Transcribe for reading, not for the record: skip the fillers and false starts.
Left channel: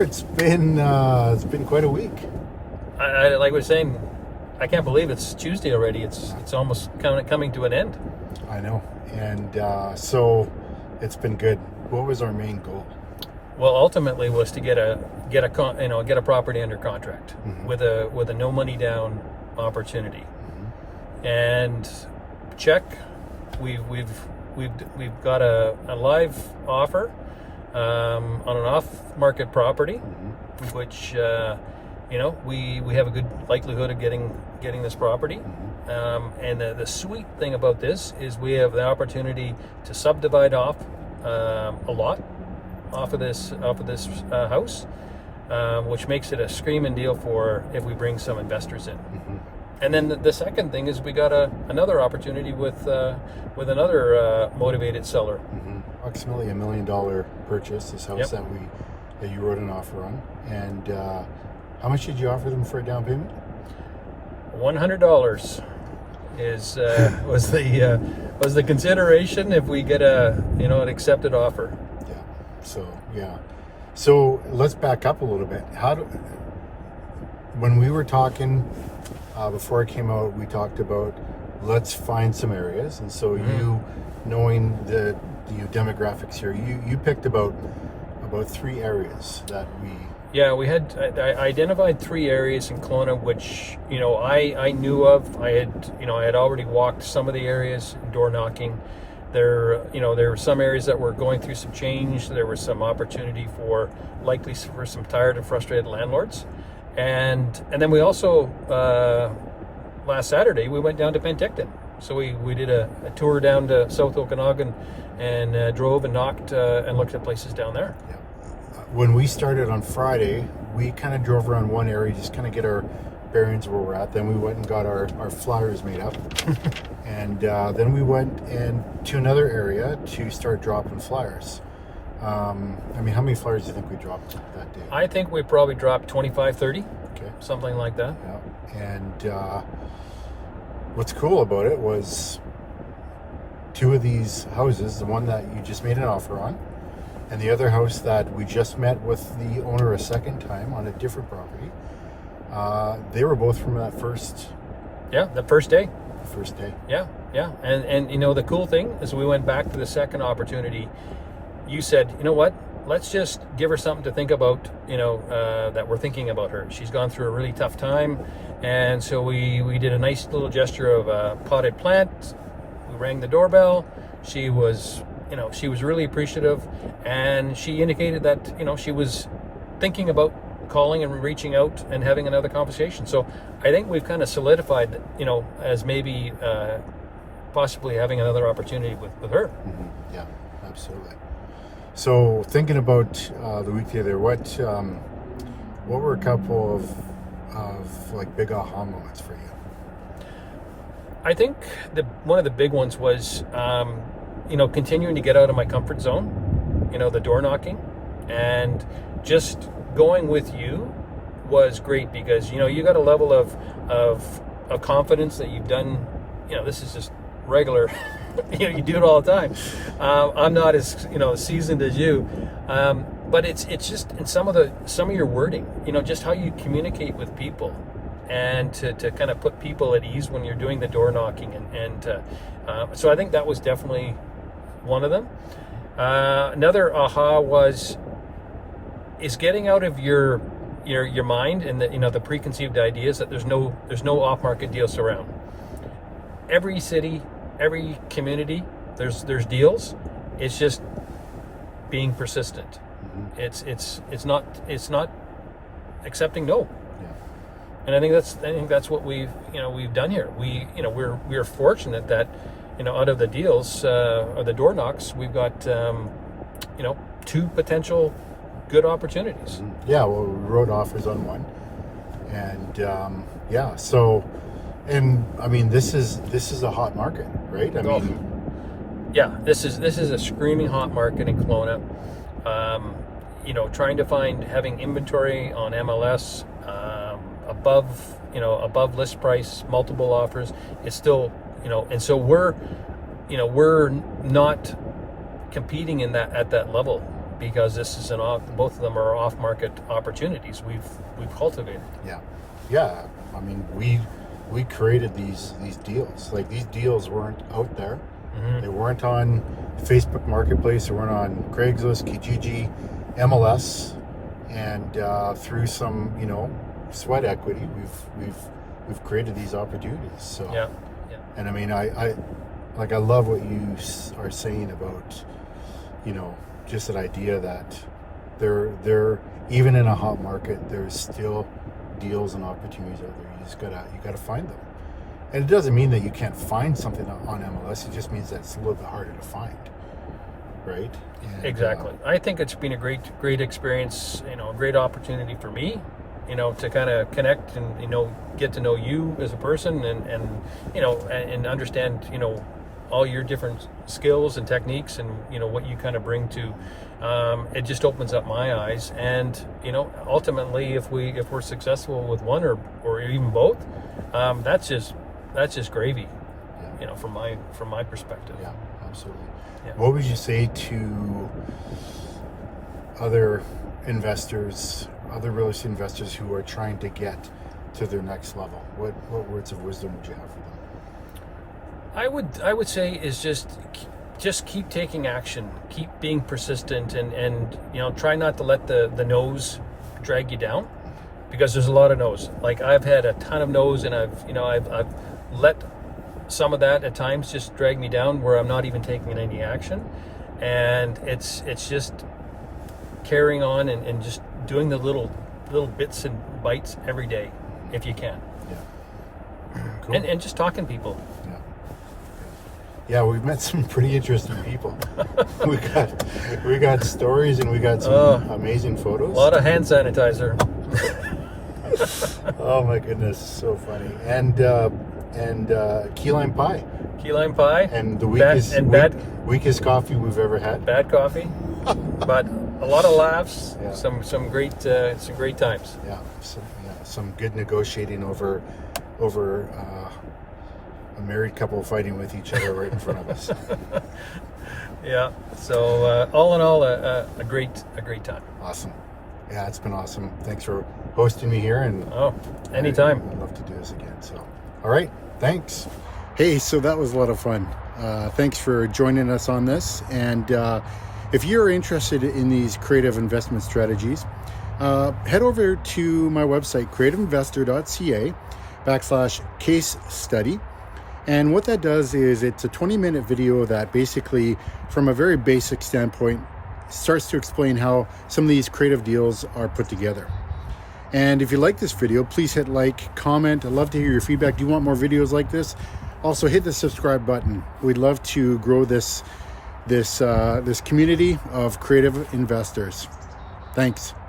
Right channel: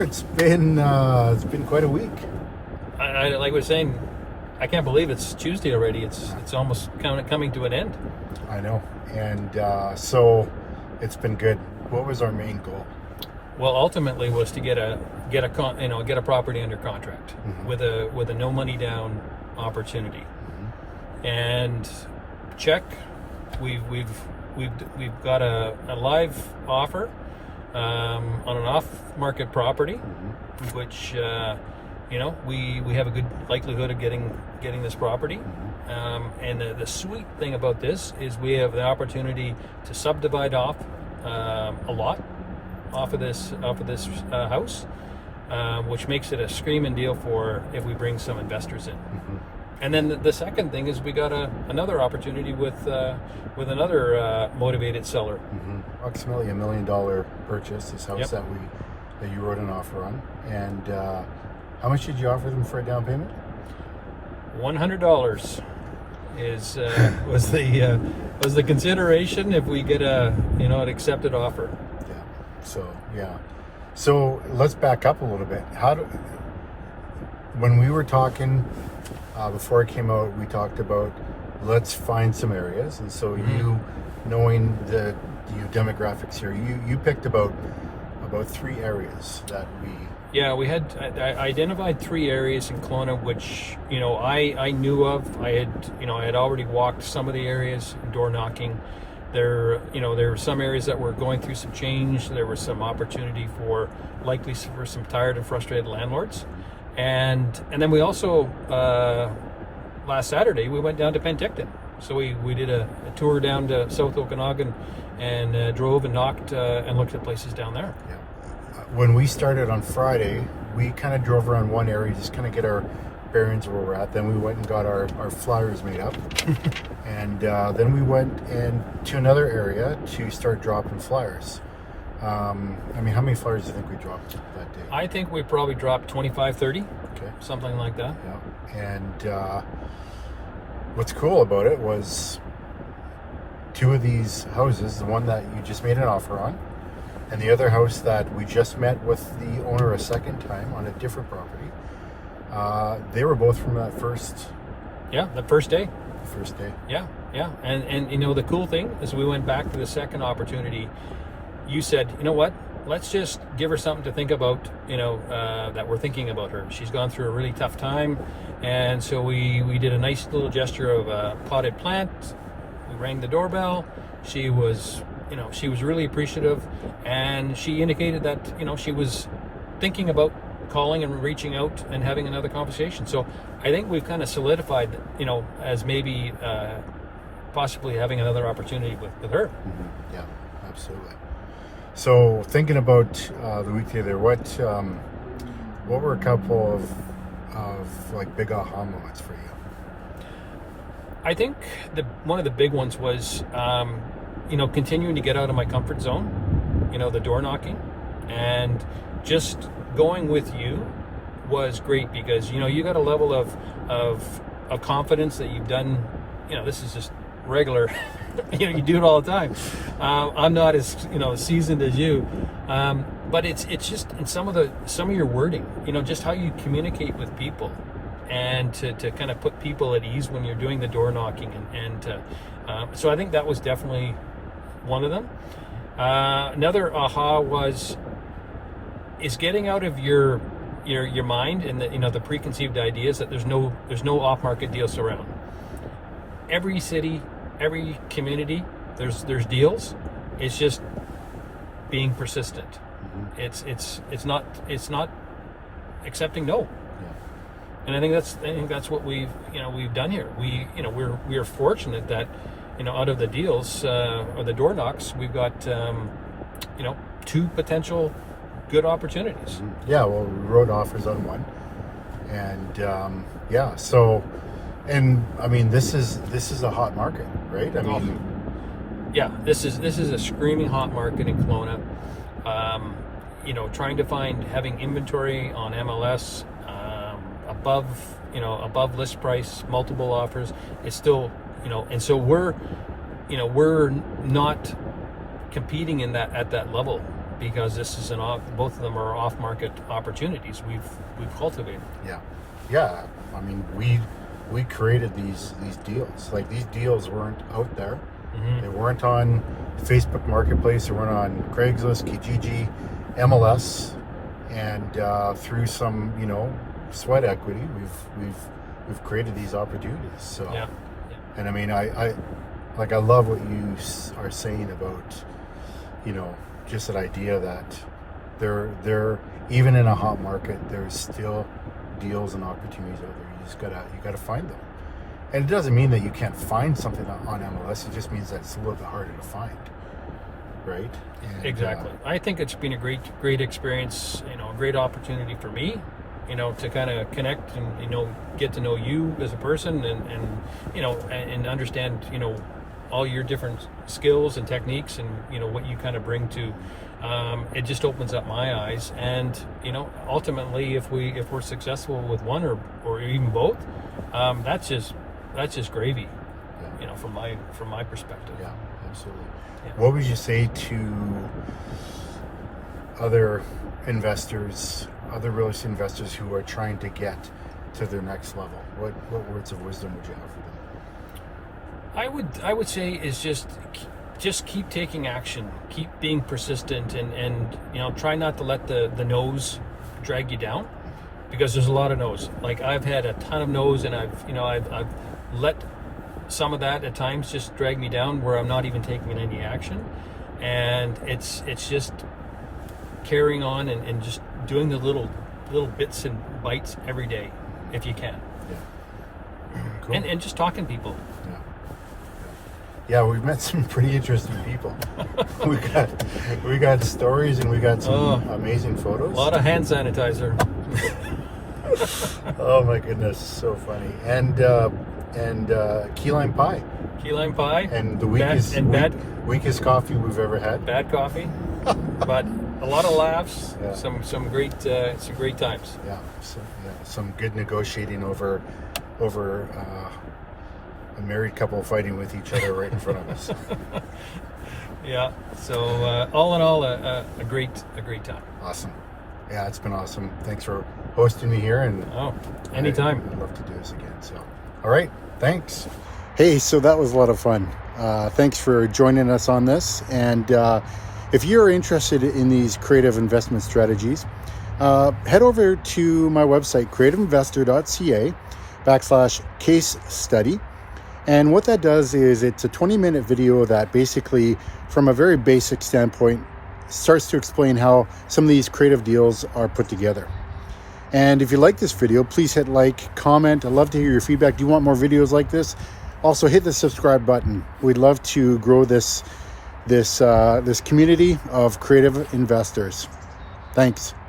It's been quite a week. Like we're saying, I can't believe it's Tuesday already. It's almost coming to an end. I know, and so it's been good. What was our main goal? Well, ultimately was to get a property under contract with a no money down opportunity, and check. We've got a live offer on an off-market property, which we have a good likelihood of getting this property. And the sweet thing about this is we have the opportunity to subdivide off a lot off of this house, which makes it a screaming deal for if we bring some investors in. And then the second thing is we got another opportunity with another motivated seller. Approximately $1 million purchase. This house that you wrote an offer on. And how much did you offer them for a down payment? $100 was the consideration if we get an accepted offer. So let's back up a little bit. When we were talking before it came out, we talked about let's find some areas, and so you, knowing the demographics here, you picked about 3 areas that we. Yeah, I identified 3 areas in Kelowna, which I knew of. I had already walked some of the areas, door knocking. There were some areas that were going through some change. There was some opportunity for some tired and frustrated landlords. And then we also last Saturday we went down to Penticton. So we did a tour down to South Okanagan and drove and knocked and looked at places down there. Yeah. When we started on Friday, we kind of drove around one area, just kind of get our bearings where we're at. Then we went and got our flyers made up, and then we went to another area to start dropping flyers. How many flyers do you think we dropped that day? I think we probably dropped 25, 30, something like that. Yeah, and what's cool about it was 2 of these houses, the one that you just made an offer on, and the other house that we just met with the owner a second time on a different property, they were both from that first... Yeah, the first day. The first day. Yeah. And the cool thing is we went back to the second opportunity. You said, you know what, let's just give her something to think about, that we're thinking about her. She's gone through a really tough time. And so we did a nice little gesture of a potted plant. We rang the doorbell. She was really appreciative. And she indicated that, she was thinking about calling and reaching out and having another conversation. So I think we've kind of solidified, as maybe possibly having another opportunity with her. Yeah, absolutely. So thinking about the weekday there, what were a couple of like big aha moments for you? I think one of the big ones was continuing to get out of my comfort zone, the door knocking, and just going with you was great because you got a level of confidence that you've done. This is just regular. You do it all the time. I'm not as seasoned as you, but it's just in some of your wording, just how you communicate with people, and to kind of put people at ease when you're doing the door knocking, and so I think that was definitely one of them. Another aha is getting out of your mind and the preconceived ideas that there's no off-market deals around. Every city, every community, there's deals. It's just being persistent. It's not accepting no. Yeah. And I think that's what we've done here. We're fortunate that out of the deals or the door knocks, we've got 2 potential good opportunities. Yeah, well, we wrote offers on one, and so, and I mean, this is a hot market, right? This is a screaming hot market in Kelowna. Trying to having inventory on MLS above list price, multiple offers, it's still and so we're not competing at that level because this is both of them are off-market opportunities we've cultivated. Yeah. I mean, we created these deals. Like, these deals weren't out there. They weren't on Facebook Marketplace. They weren't on Craigslist, Kijiji, MLS, and through some, sweat equity, we've created these opportunities. So, Yeah. and I mean, I love what you are saying about, just that idea that there even in a hot market, there's still deals and opportunities out there. You gotta find them. And it doesn't mean that you can't find something on MLS. It just means that it's a little bit harder to find, right? And, Exactly. I think it's been a great experience. A great opportunity for me. To kind of connect and get to know you as a person and understand all your different skills and techniques and what you kind of bring to. It just opens up my eyes, and ultimately, if we're successful with one or even both, that's just gravy. From my perspective. Yeah, absolutely. Yeah. What would you say to other investors, other real estate investors who are trying to get to their next level? What words of wisdom would you have for them? I would say is just keep taking action, keep being persistent, and try not to let the no's drag you down, because there's a lot of no's. Like, I've had a ton of no's, and I've let some of that at times just drag me down where I'm not even taking any action, and it's just carrying on and just doing the little bits and bites every day if you can. Yeah. Cool. And just talking to people. Yeah, we've met some pretty interesting people. we got stories, and we got some amazing photos. A lot of hand sanitizer. Oh my goodness, so funny. And key lime pie. Key lime pie. And the weakest coffee we've ever had. Bad coffee, but a lot of laughs. Yeah. Some great times. Yeah. Some good negotiating over a married couple fighting with each other right in front of us. Yeah. So all in all, a great time. Awesome. Yeah, it's been awesome. Thanks for hosting me here. And anytime. I'd love to do this again. So, all right. Thanks. Hey, so that was a lot of fun. Thanks for joining us on this. And if you're interested in these creative investment strategies, head over to my website, creativeinvestor.ca/case study. And what that does is it's a 20-minute video that basically, from a very basic standpoint, starts to explain how some of these creative deals are put together. And if you like this video, please hit like, comment. I'd love to hear your feedback. Do you want more videos like this? Also, hit the subscribe button. We'd love to grow this community of creative investors. Thanks.